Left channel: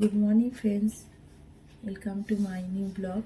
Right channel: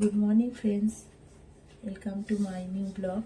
Good morning friends, welcome to my new blog.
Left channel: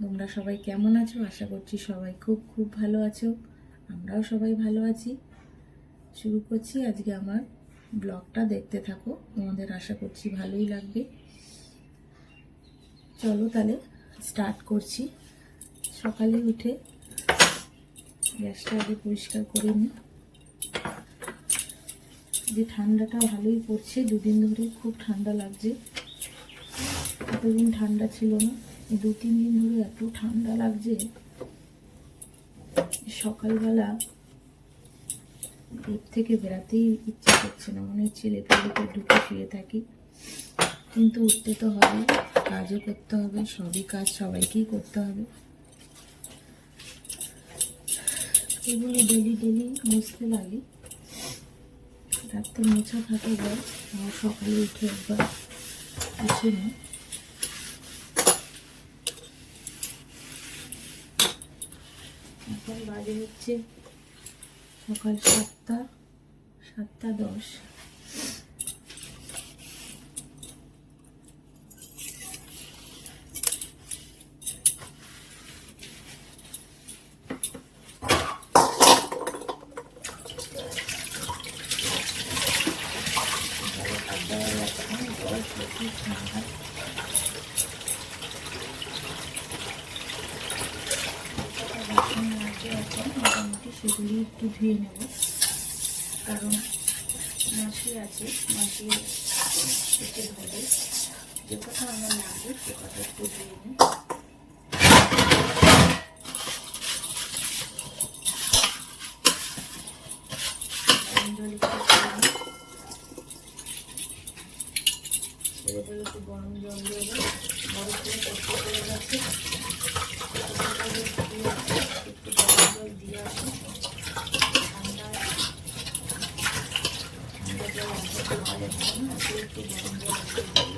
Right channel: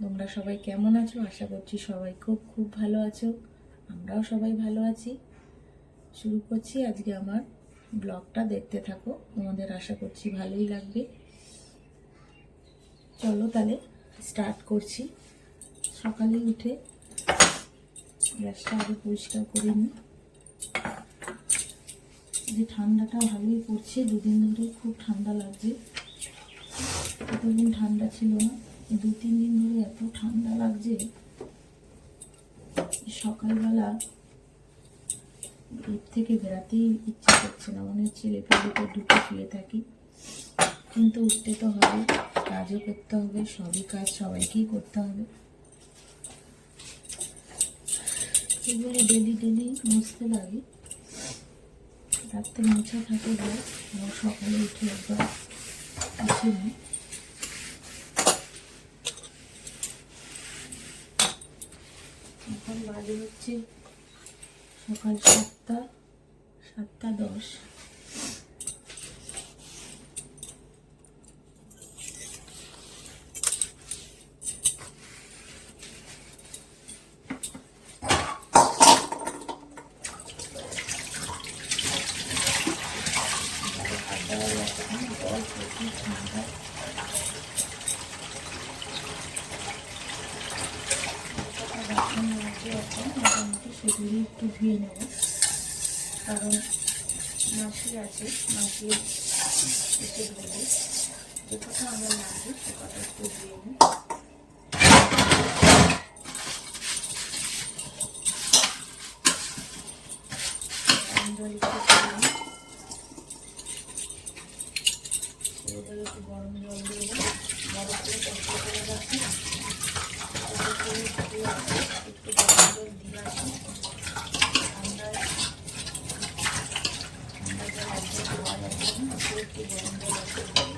তোমরা সবাই কেমন আছো? আশা করছি সবাই খুব খুব ভালো আছো। আমরাও সবাই ভালো আছি। শুরু করছি আজকে আমার ব্লগটা, দেখতে থাকো, তোমাদের আশা করছি ভালোই লাগবে। চলো তাহলে স্টার্ট করছি। সকালে উঠে গ্যাসটা আগে পরিষ্কার করে নিই। যে ঠান্ডাটা ভালোই পড়ছে, দুদিন ধরে খুব ঠান্ডা লাগছে। এতদিন ঠান্ডা ছিল না, 2-3 দিন ধরে এত ঠান্ডা লাগছে। সকালবেলা বেড থেকে বেরাতেই ইচ্ছে করছে না, মনে হচ্ছে লেপের ভিতরে ঢুকে শুয়ে থাকি। কিন্তু উঠতে তো হবে, কাজও করতে হবে, সবই কাজ সবাইকেই করতে হবে। এগুলো ডেলি ডেলি মুছতে লাগে, রাত্রে মোছা থাকে যায়, সকালে উঠে একবার মুছে নিই। এখন বাজে হচ্ছে সকাল 7টা 10। মোটামুটি সেগুলি একটু ধুয়ে নেব, কারণ মাসি আছে, মাসির এসে ধরবে। যে কথা আমার লাগবে সে কথা একটু ধুয়ে নিই। জল একটু একটু গরম জল দিয়ে বরফ দিয়ে কষ্ট করে রাখি, একটু গরম জল দিয়ে আসি। ঠান্ডা জল একটু খাওয়া যাচ্ছে না, একটু গরম জল একটু দিয়ে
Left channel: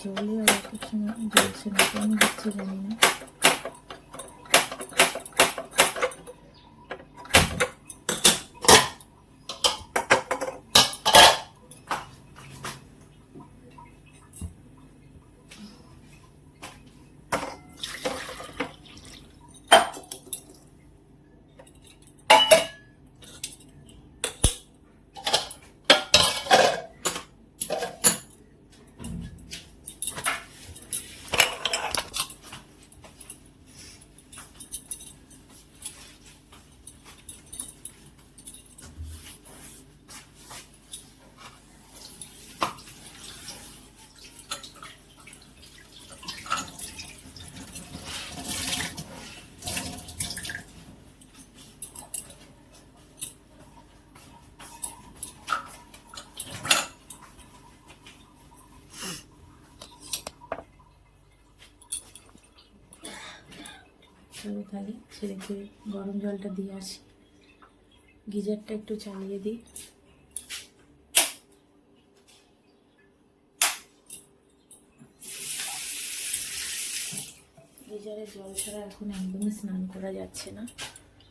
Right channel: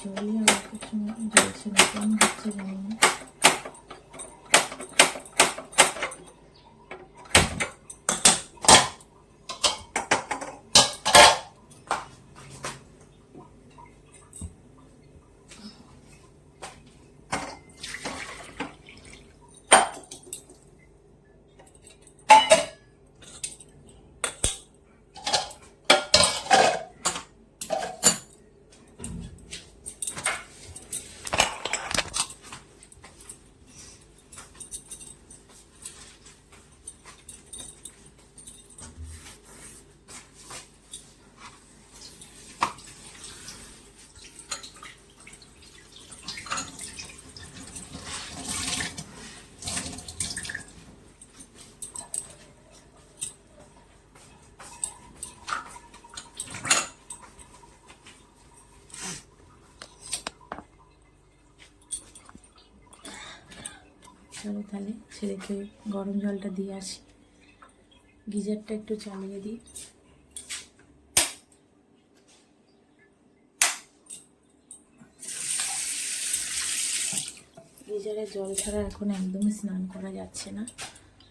জলে আর এক সময় জ্বলছে না, কেন হচ্ছে জানি না। চলো তাহলে ছেলেকে গরম জলটা দিয়ে আসি। গিজারটা একটু চালিয়ে দিই। গিজারে জল ছাড়া এখন একদমই স্নান করা যাচ্ছে না,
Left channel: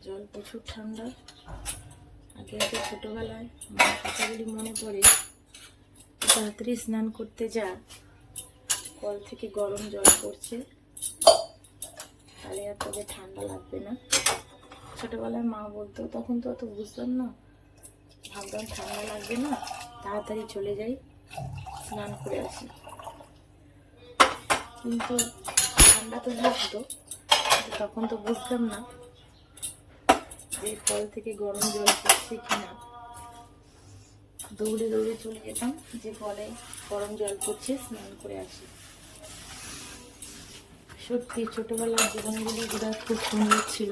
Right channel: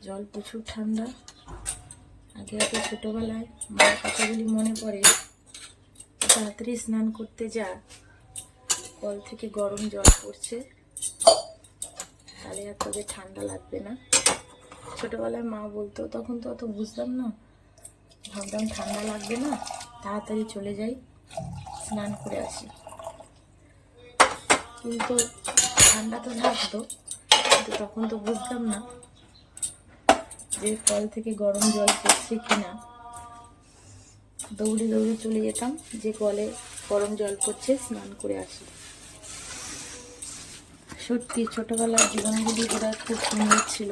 জল প্রচুর ঠান্ডা। আগে আগে ছোটোবেলায় মার কথাগুলি মনে পড়ে, তাড়াতাড়ি স্নান করতে যা, কল থেকে গরম জল পড়ছে, তাহলে আর তোকে ঠান্ডা লাগবে না। ছোটোবেলায় মা বলতো, তখন তো অত বুঝতাম না, ভাবতাম ঠান্ডা লাগবে না, তাড়াতাড়ি চলে যাই, স্নান করে আসি। কিন্তু ঠান্ডা তো লাগতো, কিন্তু তখন তো বুঝতাম না যে কল থেকে গরম জল পড়ছে কিনা। দৌড়ে দৌড়ে চলে যেতাম যে কলে গরম জল পড়ছে, স্নান করে আসি। সত্যি ছোটোবেলার জীবনগুলি বোধহয় খুব সুন্দর ছিল।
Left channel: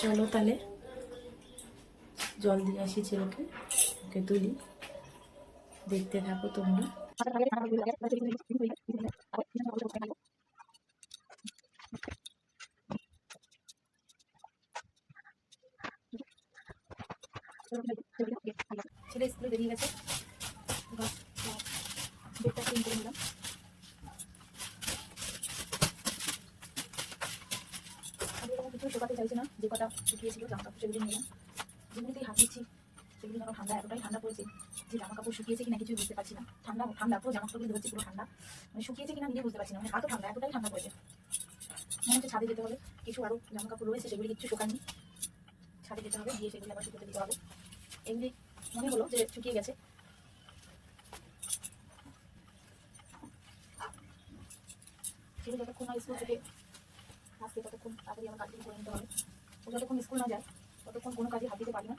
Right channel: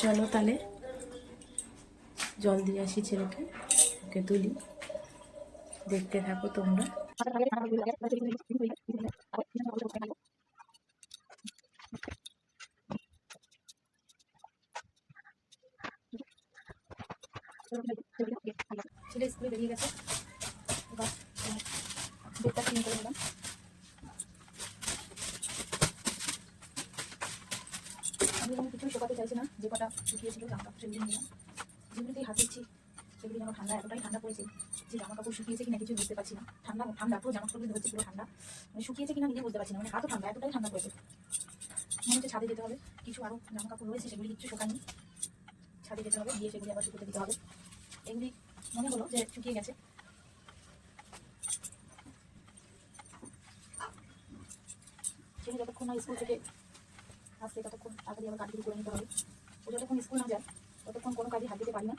চলো তাহলে জল দিয়ে আসি ছেলেকে, ওকে তুলি, দেখতে থাকো তোমরা। ছেলে স্কুলে বেরিয়ে গেছে, এবার বেডটা ক্লিন করে নিলাম। আমি এখানে কিছু শোকাতে চাইছি না, যে কটা শুকিয়েছিল জামা কাপড় সেগুলো নিলাম। যেগুলি থেকে হাত দিচ্ছি সেগুলি যেন ঠান্ডা, এতটাই ঠান্ডা পড়েছে যে জামা কাপড় শুকিয়েছে কিনা কিছু বুঝতে পারছি না। ঠান্ডা ঠান্ডা পুরো জামা কাপড়গুলো ধরেছে, পুরো ঠান্ডা, মানে শুকিয়েছে কিনা নিজে বুঝতে পারছি না, মানে এত ঠান্ডা, এতটাই ঠান্ডা পড়েছে। মনে হচ্ছে ছাদে যেতে হবে, কিছু আরও জামা কাপড় রয়েছে সেগুলি কিছু শোকায়নি, ছাদে যেতে হবে, গিয়ে সেগুলি আবার শুকোতে দিতে হবে। এগুলি মনে হলো যে শুকিয়ে গেছে। সেগুলি যতক্ষণ না স্কুল থেকে আসতে ততক্ষণ তাড়াতাড়ি আমার কাজগুলো করে নিতে হবে। ও যতক্ষণ স্কুল না যায় ততক্ষণ কোনো কাজে হাত দিতে পারি না।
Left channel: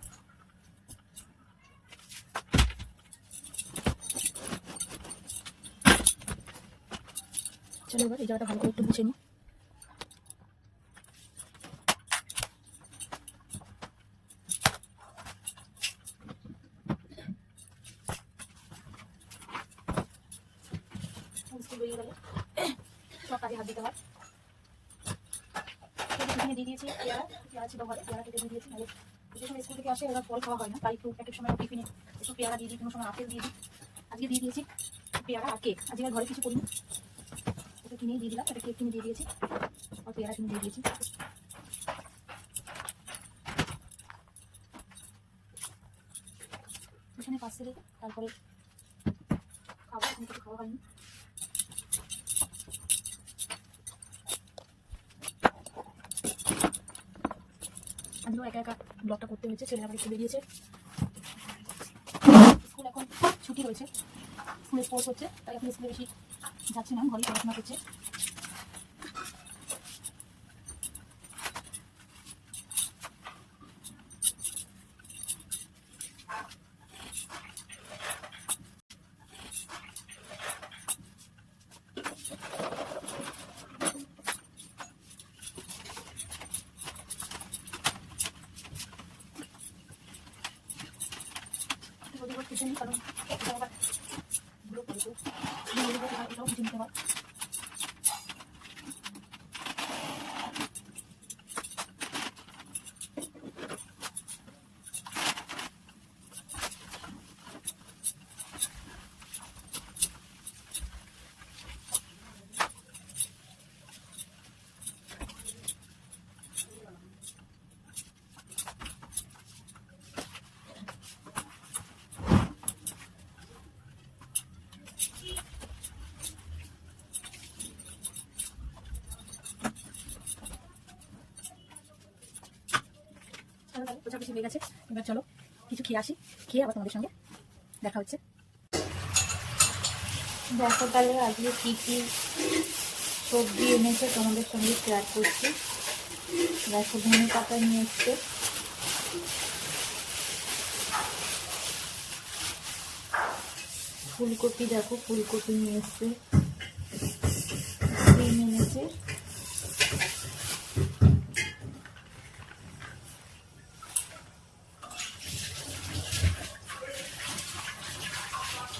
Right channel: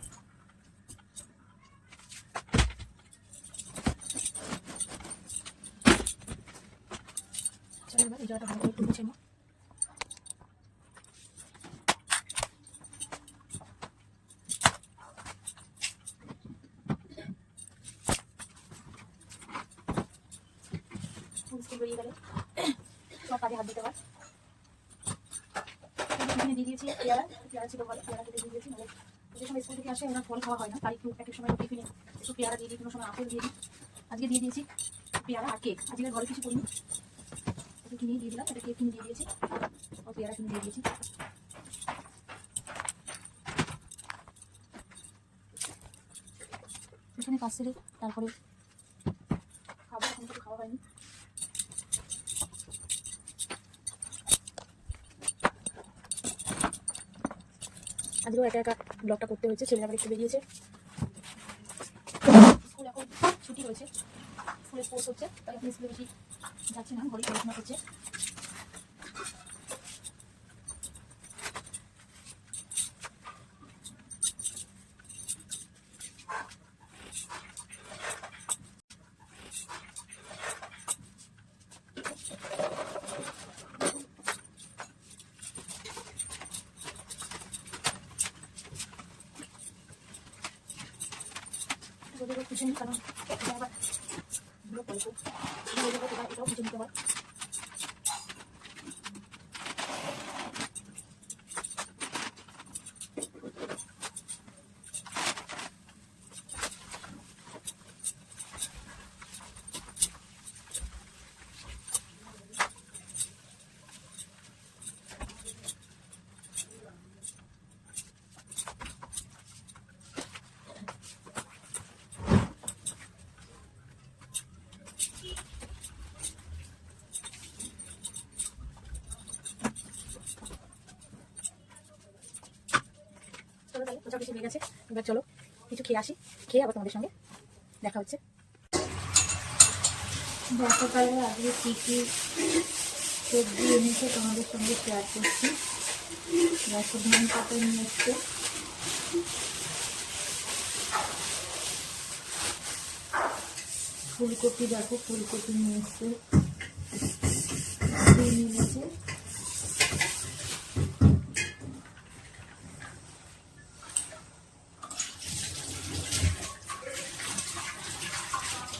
চলো এবার এই জায়গাটা ভালো করে একটু মুছে নিই। স্কুল বেরিয়ে গেলে সব কাজে হাত দিতে হয়। টিফিনে দিয়ে দিয়েছি পেয়ারা ছিল ঘরে, পেয়ারা কেটে দিয়ে দিয়েছি। নাহলে যে সময় স্কুল থেকে আসে ওরা ফল খাওয়া হয় না, তাই একটু এক এক সময় টিফিনে একটু পেয়ারা দিয়ে দিই, কোনো সময় আপেল দিয়ে দিই। আজকে দিয়ে দিয়েছি পেয়ারা আর কেক। আজকে ঘরে কিছু করিনি, একটু কিনেই দিয়ে দিলাম, একটা কেক কিনে দিয়ে দিয়েছি আর পেয়ারা কিনে দিয়ে দিয়েছি। এখানে কাজ সেরে তারপরে খাবো, এখন কিছু খাওয়া হয়নি। আজকেও একা একা ব্লগটা করতে হচ্ছে, ছেলেরা বাড়ি চলে গিয়েছে, স্কুল এখন ছুটি রয়েছে, স্কুলে স্পোর্টস হচ্ছে, তাই এখন স্কুলে বেশি যাচ্ছি না, ঘরে পড়াশোনা করছে। কিছু নেই, কারণ এটা আবার ধুলো পড়েছে, এটাও কিছু নিতে হয়। চলো তাহলে প্রচার কিছু হয়ে গেছে, এবার চলো কিছু খেয়ে আসি, খেয়ে আবার তোমাদের সঙ্গে দেখা হচ্ছে। দেখো তাহলে আজকে কী কী সবজি এনেছে তোমাদের সঙ্গে শেয়ার করছি। দেখো ধনে পাতা নিয়ে এসছে, ফুলকপি, দেখো ফুলকপি নিয়ে এসছে, সিম এনেছে,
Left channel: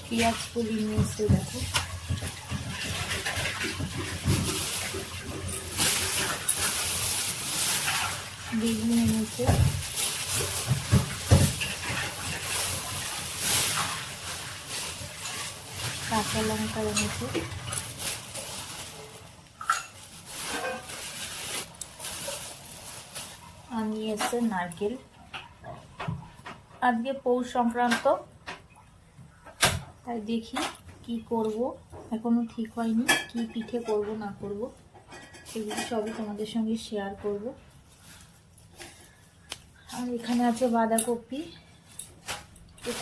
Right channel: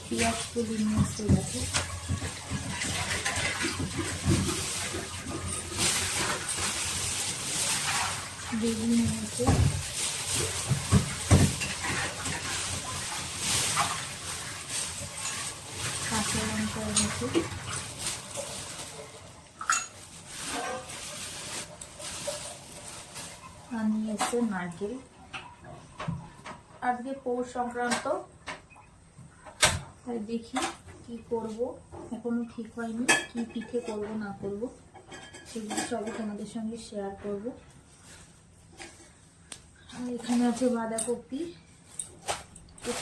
পেঁয়াজ কুড়ি নিয়ে এসছে, দেখো বেগুন এনেছে, কাঁচা লঙ্কা এনেছে, আর নিয়ে এসছে নারকেল। আজকে পৌষ সংক্রান্ত, তাই দেখি কি করব, এখনো ঠিক হয়নি কি পিঠে করব না করব, সেগুলো সবই তোমাদের সঙ্গে শেয়ার করব। আর এখানে আছে বাঁধাকপি,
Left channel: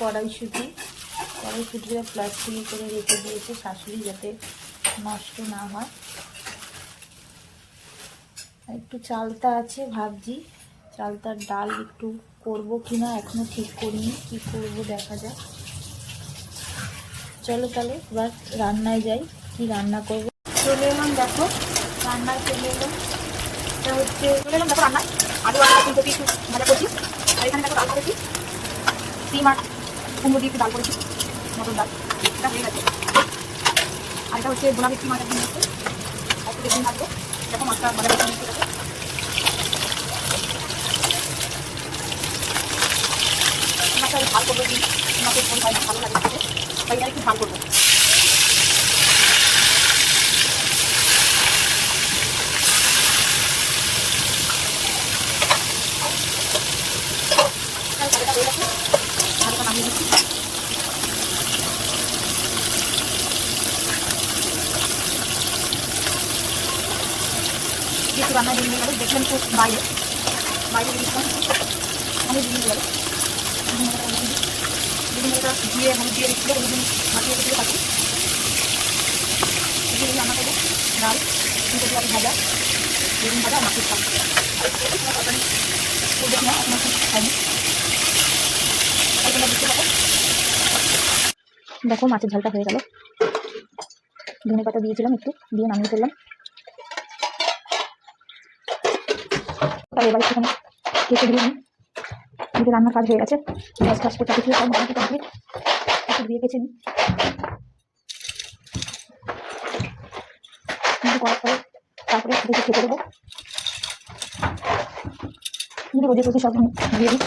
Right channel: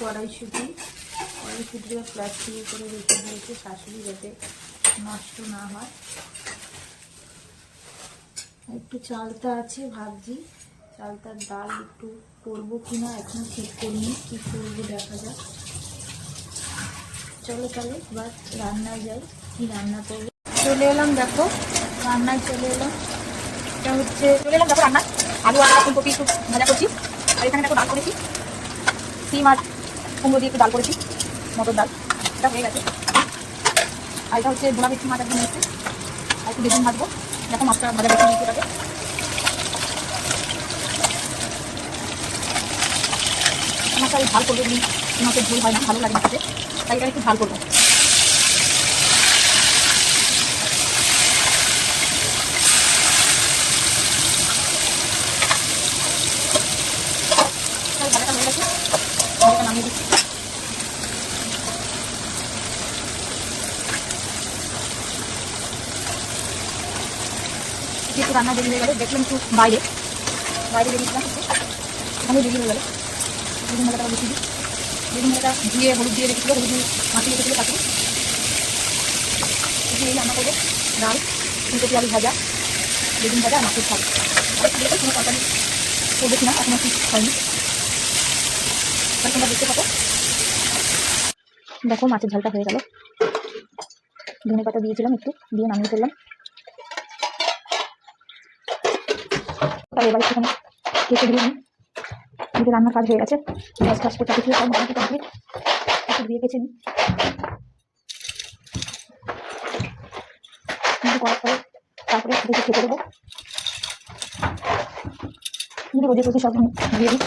কড়াইশুঁটিটা প্লাস্টিকে করে রেখে দিয়েছে শাশুড়ি, যাতে নষ্ট না হয়। আর একটু চালতা আছে, ভাবছি চালতার ডাল একটু করবো কিনা, এখনো ঠিক করিনি, কি করব দেখা যাক। চলো তাহলে এবার রান্নায় যাই, কি রান্না করবো। চলে এলাম, দেখো রান্নায় চলে এলাম। এটা হচ্ছে চলে এলাম দেখো রান্নায়, আলু আর ফুলকপি একটু ভাজা করছি, আর এখানে দেখো ডাল করেছি, সিম আর কুমড়ো দিয়ে একটু ডাল করেছি, মটর ডাল, এটা হয়ে গেছে। আর এটা হচ্ছে বোনা ভেটকি মাছের জন্য হচ্ছে, একটু বেগুন ভাজবো, দেখো মাছটা ভাজা ভাজা নিতে পারে। মাছটা ওই ঝাল করবো দিন, মাছের ঝোল হয় না, ভালো লাগে না খেতে, তাই এবার একটু ঝাল করবো। ভালোটা হয়ে গেছে, নামিয়ে দিচ্ছি। একটু রান্না দেরি হয়ে গেল, দেখলাম একটু বাইরে বেরিয়েছিলাম, এমনি দেরি হয়ে গেল। বেগুন ভাজাটা বেশি দিই, বেগুন ভাজাটা ধুয়ে হলুদ দিয়ে রেখেছিলো, হলুদ দিয়ে মাখিয়ে রেখেছিলো তাকে দিয়ে রান্না করবো। ডাল, ফুলকপি আলু ভাজা, বেগুন ভাজা, মাছের ঝাল। কোনো তরকারি করবো কিনা এখন একটু জানি, তাই তোমরা দেখতে থাকো। দেখো মাছের ঝালটা হয়ে গেল, ধনে পাতা দিয়েছিলাম একটু, দিয়ে নামিয়ে ফেললাম। তাহলে এবার একটুখানি কেটে দিয়ে নিই, কিন্তু রান্নার কাজ হয়ে গেছে, গ্যাস টাস করতে কিছু সব মোটামুটি কমপ্লিট। একটু ধুয়ে কেচে নিই, কিন্তু করার পরে তারপরে দেখে খেতে দেবো। কিন্তু রোজে রোজে সব দিয়ে দিই।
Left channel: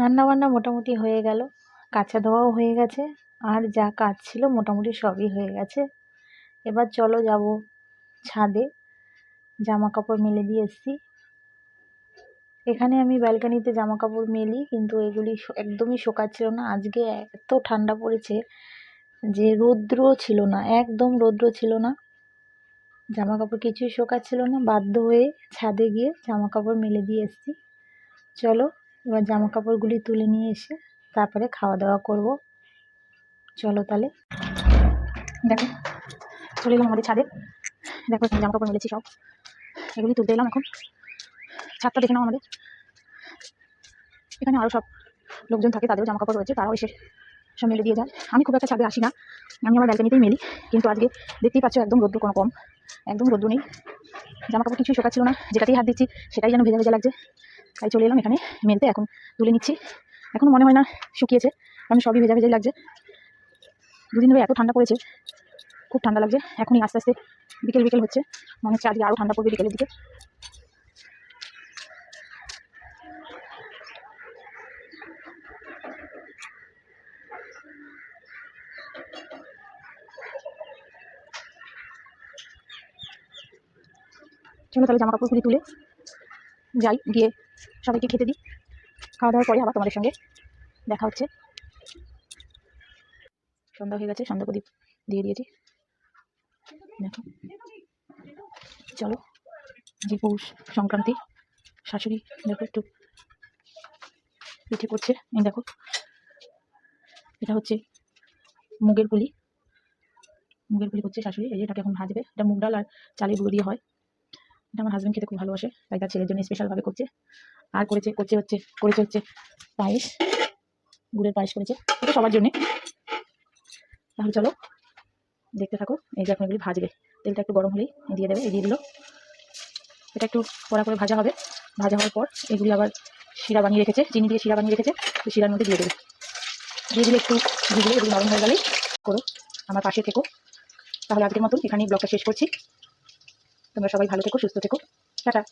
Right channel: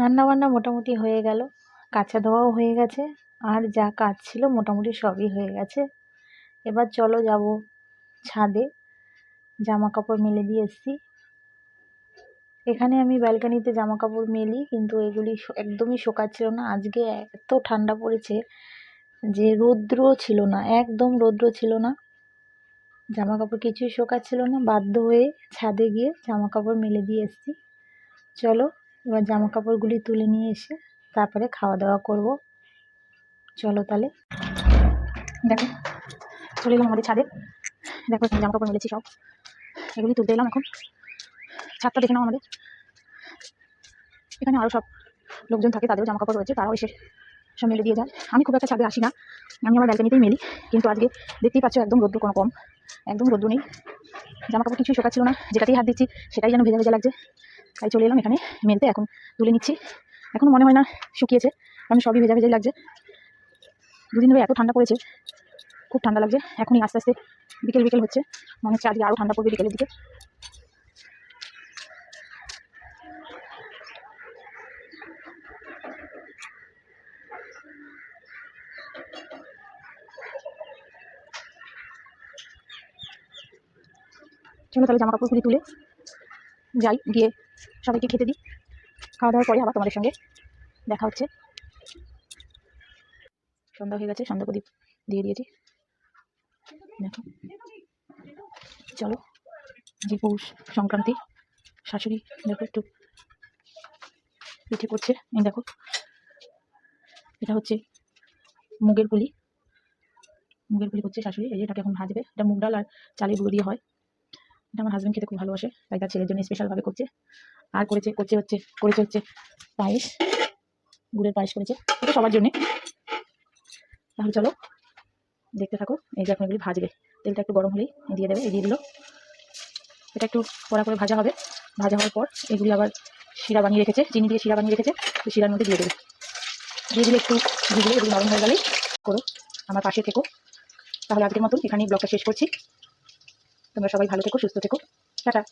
রান্নাবান্না মোটামুটি হয়ে গেল, কাঁচা ধোয়াও হয়ে গেছে, আর যা কাজ ছিল মোটামুটি সবই হয়ে গেছে। এবার চলো যাব ছাদে, জামা কাপড় মেলে দিয়ে এসছি। এখানে আমি ব্যালকানিতে জামা কাপড় মেলি, কিন্তু এগুলি একদমই শোকাচ্ছিল না। আজকে এত ঠান্ডা পড়েছে যে রৌদ্র ছিল না, একদম রৌদ্র ছিল না, জামা কাপড় কিছুই শোকাচ্ছিল না। বাধ্য হয়ে ছাদে গিয়ে জামা কাপড় মেলে দিয়ে এসছি। চলো এবার জামা কাপড়গুলি তুলে নিয়ে এসে তারপরে খাওয়া দাওয়া করব। চলো তাহলে। দেখো চলে এলাম আমাদের ছাদে, দেখো এখানে জামা কাপড় মেলেছি সব, এগুলি তুলতে এলাম এখন। ছাদটা দেখে নাও আমাদের, এখানে আরও সব লোকজন থাকে, তাদেরও জামা কাপড় রয়েছে, তারাও এসে সব মেলে দিয়ে যায়। আমি খুব একটা ছাদে আসি না, আমি আমার ব্যালকানিতেই মেলি, কিন্তু আজকে দেখতেই পাচ্ছ একদম রোদ্দুর কোনো কম, একদম রোদ্দুর নেই, জামা কাপড় কিছুই শোকাচ্ছিল না, যেটাতেই হাত দিচ্ছি সেটাই যেন ভেজা ভেজা লাগছে। তাই চলে এলাম এখানে মেলতে, এখন তুলে নিচ্ছি। এখন মনে হয় না শুকিয়েছে, কারণ সবই ভেজা ভেজাই লাগছে। দুদিন ধরে এত ঠান্ডা পড়েছে, খুব ঠান্ডা লাগছে। এখনই আস্তে আস্তে বিকেল বিকেল হচ্ছে, মনে হচ্ছে আজকে আরও ঠান্ডা পড়বে বিকেলের দিকে। চলো তাহলে জামা কাপড়গুলি তুলে যাই, গিয়ে সবাইকে খেতে দিই। খাওয়া দাওয়ার পরে আবার তোমাদের সঙ্গে দেখা হচ্ছে। সন্ধ্যা হয়ে গেছে, সন্ধ্যা প্রদীপ দিয়ে দিয়েছি। দেখো চলো, যে পৌষ সংক্রান্তি, শাশুড়ি দেখো একটু পিঠে করছে। এই দেখো এটা হচ্ছে মুগের পুলি করছে শাশুড়ি, এই যে এটাকে এখন ভাজবে। এটা মুগ ডাল আর চালের গুঁড়ো দিয়ে হয়। এটা আমার হাজব্যান্ড খেতে খুব ভালোবাসে, তাই তার ছেলের জন্য স্পেশালভাবে করছে। আর করেছে হচ্ছে পায়েস, গুড়ের পায়েস করেছে, এটা সবার জন্যে। তাহলে চলো দেখতে থাকো। এই যে এখন এগুলি ভাজবে, তেলটা একটু গরম হলেই দিয়ে দেবে, দিয়ে দিল। এটা একটু কড়া করে ভাজা হবে, ভাজা হওয়ার পর এগুলি আবার শিরা বানিয়ে রেখেছে, চিনি দিয়ে শিরা বানিয়ে রেখেছে, তো শিরার মধ্যে দিয়ে দেবে। দিয়ে দিলে একটু ভিজলে এগুলি নরম হয়ে গেলেই করো, আমার পাশে থেকো। তাহলে আজকের মতন এখানেই ব্লগটা শেষ করছি। তোমরা সবাই ভালো থেকো, সুস্থ থেকো, টাটা।